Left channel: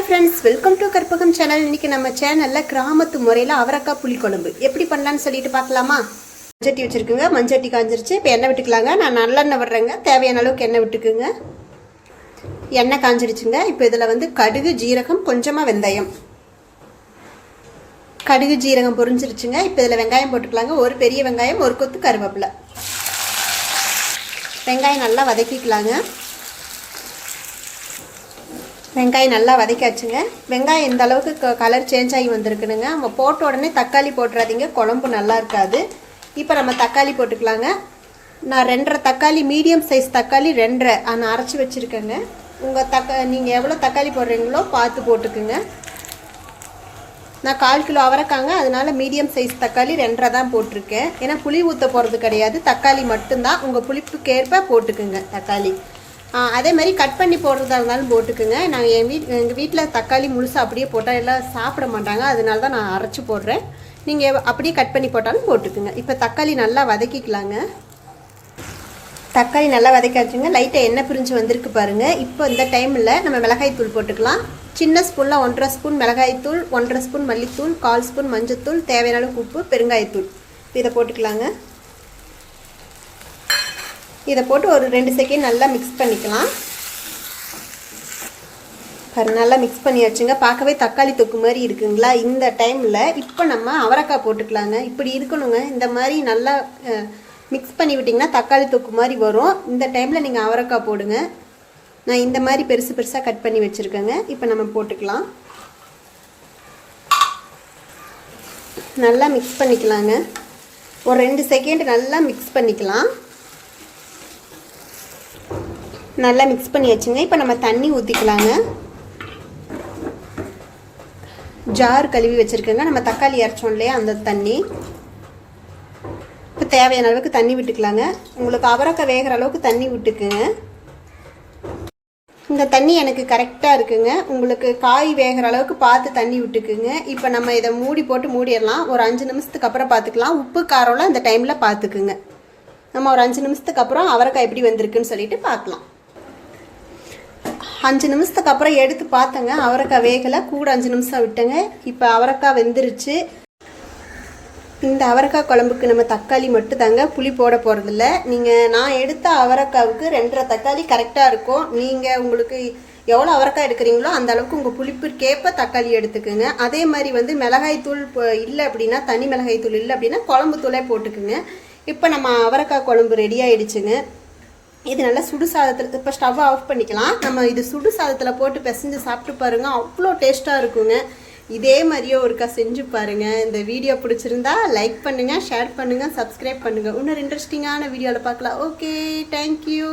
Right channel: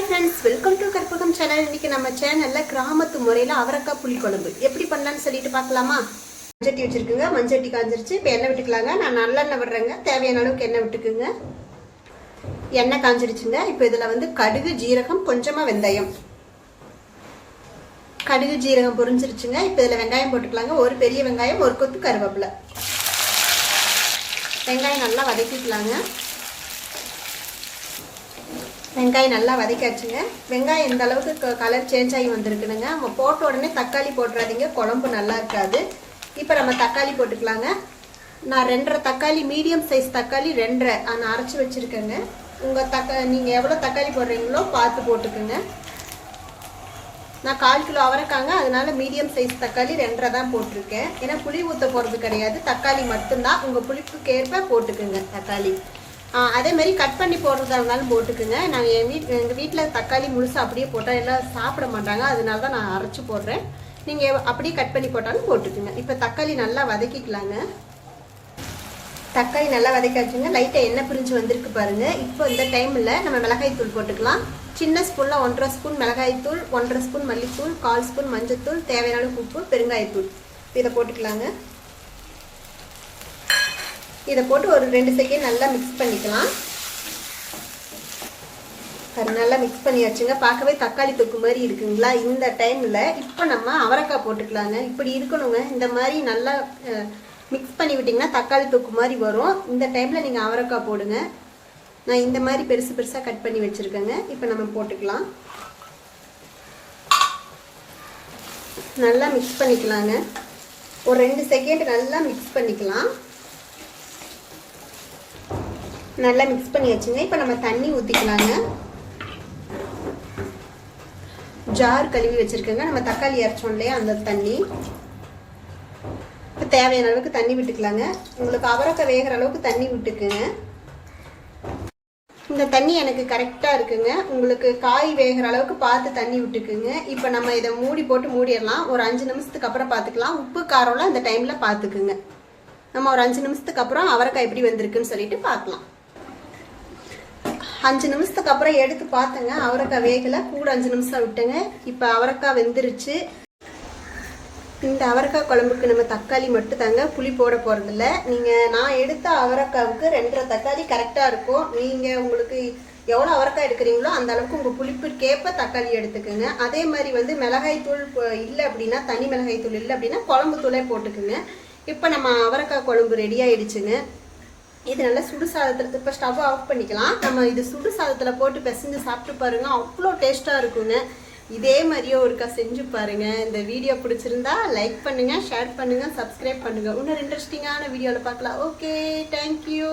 Hi friends, welcome to Karpagam channel. இன்னைக்கு நம்ம சேனலில் கிராமத்து முறையில் அவரக்காய் புளிக்குழம்பு எப்படி பண்ணலான்னு சொல்லிட்டு பார்க்கலாமா? மஞ்சட்டி வச்சுருக்குங்க. மஞ்சட்டி காஞ்சிருச்சு. இப்போ எண்ணெய் விட்டுக்கலாங்க. நான் நல்லெண்ணெய் விடுறேங்க. தேவையான அளவுக்கு எண்ணெய் விட்டுக்குங்க. எண்ணெய் காஞ்சிருச்சுங்க. இப்போ இதில் கடுகு, ஜீரகம், கொஞ்சமாக வெந்தயம். கடுகு ஜீரகம் பொரிஞ்சிருச்சுங்க. இப்போ இதில் வெங்காயம் போட்டுக்கலாங்க. ஒரு பெரிய வெங்காயம், ஒரு கொத்து கருவேப்பிலை. வெங்காயம் நல்லா வதக்கிக்கலாங்க. வெங்காயம் நல்லா வதக்காச்சுங்க. வெங்காயம் இந்த அளவுக்கு கலர் சேஞ்ச் ஆகி வந்திருக்குனுங்க. நம்ம போட்ட உடனே தக்காளி போட்டுறாதீங்க, குழம்பு நல்லா இருக்காது. இப்போ நம்ம தக்காளி போட்டுக்கலாங்க. நான் 2.5 தக்காளி, மீடியம் சைஸ் தக்காளி 2.5 நான் அரைச்சி வச்சுருக்கேங்க. நீங்கள் எவ்வளோ தக்காளி போடுறீங்களோ பார்த்து போட்டுக்குங்க. நான் 1/4 கிலோ அவரைக்காங்க, அதனால மீடியம் சைஸ் தக்காளி 2.5 தான் போட்டிருக்கேன். ஏன்னா புளி ஊற்ற போகிறது கிடையாது, தக்காளி மட்டும்தான். உங்கள் புளிப்புக்கேற்ப போட்டுக்குங்க தக்காளி. அதே மாதிரி கட் பண்ணி போடுறதா இருந்தாலும் போட்டுக்குங்க. நாங்கள் எங்கள் வீட்டில் தக்காளி முழுசாக அப்படியே போட்டால் எல்லாம் சாப்பிட மாட்டாங்க, அதனால தான் நான் அரைச்சி போடுறேன். நீங்கள் அப்படியே கட் பண்ணி போட்டாலும் போட்டுக்குங்க. இப்போ தக்காளி நல்லா வதக்கிக்கலாங்க. தக்காளி நல்லா வதக்காச்சுங்க. லைட்டாக எண்ணெய் பிரிஞ்சு வந்திருக்கு பாருங்கள். இப்போ இந்த டைமில் நம்ம மிளகாய்த்தூள் போட்டுக்கலாம். சின்ன ஸ்பூனில் 1.5 ஸ்பூன் மிளகாய்த்தூள், 1.5 ஸ்பூன் மல்லித்தூள், 1/4 ஸ்பூன் மஞ்சத்தூள், தேவையான அளவுக்கு உப்பு, பெருங்காயத்தூள். இதை போட்டுக்கலாங்க. இதை போட்டு ஒரு 2 செகண்ட் நல்லா மிக்ஸ் பண்ணிக்கலாம். நல்லா மிக்ஸ் பண்ணியாச்சுங்க. பார்க்கவே தக்காளி தொக்கு மாதிரி இருக்குங்களா? இந்த டைமில் இப்போ நம்ம அவரைக்காய் போட்டுக்கலாங்க. இப்படி இருக்கணுங்க. இந்த மாதிரி நல்லா மிக்ஸ் பண்ணி விட்டிங்கன்னா தக்காளி தொக்கு மாதிரி வரும். இந்த டைமில் நீங்கள் அவரைக்காய் போடுங்க. நான் இந்த மாதிரி பெருசு பெருசாக கட் பண்ணி வச்சுருக்கேங்க. இப்போ நம்ம போட்டுக்கலாம். நல்லா மிக்ஸ் பண்ணிக்கலாங்க. ஒரு 2 செகண்ட் நல்லா மிக்ஸ் பண்ணிக்கலாம். நல்லா மிக்ஸ் பண்ணி வச்சுங்க. இப்போ நம்ம தண்ணி ஊற்றிக்கலாங்க. ஜார் கழுவி வச்சுருக்கேங்க. நம்ம தக்காளி அரைச்சோம் இல்லையா, அந்த தண்ணி. இப்போ தேவையான அளவுக்கு தண்ணி விட்டுக்கலாங்க. உங்களுக்கு அவரைக்காய் வேகிற அளவுக்கு தண்ணி விட்டுக்குங்க. இந்த தண்ணி எனக்கு கரெக்டாக இருக்குங்க. உங்களுக்கு காய் வேகிற அளவுக்கு பார்த்து தண்ணி விட்டுக்குங்க. இப்போ நம்ம இதை மூடி போட்டு மூடிடலாம். ஒரு 5 நிமிஷத்துக்கு அப்புறம் பார்த்துக்கலாம். உப்பு காரம்லாம் இந்த டைமில் பார்த்துக்குங்க. நம்ம ஒரு 5 நிமிஷத்துக்கு அப்புறம் அவரைக்காய் எப்படி வந்திருக்குன்னு சொல்லிட்டு பார்க்கலாம். 5 நிமிஷத்துக்கு அப்புறம் எடுத்து பார்த்தேங்க. அவரைக்காய் வேகலை, கூட 5 நிமிஷம் விட்டேங்க. இப்போ அவரைக்காய் வெந்துருச்சு. இந்த அவரைக்காய் குழம்புக்கு நம்ம தக்காளி மட்டும் தாங்க, புளி போட போகிறதில்ல. நான் எடுத்த அவரைக்காவுக்கு 2.5 தக்காளி கரெக்டாக இருக்கும். நீங்கள் உங்களுக்கு எவ்வளோ அவரைக்காய் எடுக்கிறீங்களோ அந்த அளவுக்கு உங்கள் புளிப்புக்கேற்ப தக்காளி எடுத்துக்கோங்க. அதே மாதிரி மிளகாய் தூள் இல்லை அப்படின்னா, தனி மிளகாய் தூள் இல்லை அப்படின்னா குழம்பு தூளே போட்டுக்குங்க. இப்போ நம்ம அவரைக்காய் குழம்பு ரெடி ஆகிடுச்சுங்க. இது நல்லா சுடு சாதத்தில், இப்போ ஸ்டவ் ஆஃப் பண்ணிக்கலாம். நம்ம இது சுடு சாதத்தில் போட்டு பிசைஞ்சு சாப்பிட்டு பாருங்கள், அவ்வளோ டேஸ்ட்டாக இருக்குங்க. இதே மாதிரியே ஒருக்கா செஞ்சு பாருங்கள். இந்த வீடியோ பிடிச்சிருந்தா லைக் பண்ணுங்கள், ஷேர் பண்ணுங்கள், சப்ஸ்கிரைப் பண்ணுங்கள். இன்னொரு இன்ட்ரெஸ்டிங்கான வீடியோவில் பார்க்கலாம். Okay, thank you.